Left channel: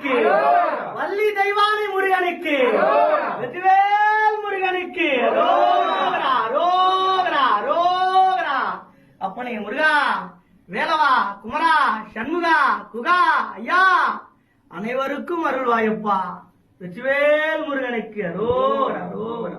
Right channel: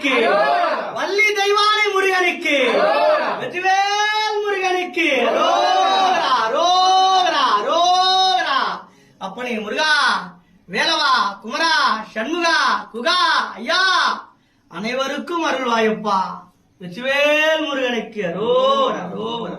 முருகனுக்கு, வள்ளி தெய்வானை முருகனுக்கு, வெற்றிவேல் முருகனுக்கு அரோகரா அரோகரா அரோகரா. அப்பனே முருகா, வேலவா, குமரா, சண்முகா, குகா, ஐயா அனைவருக்கும் அருள்வாயப்பா. வெற்றிவேல் முருகனுக்கு அரோகரா அரோகரா.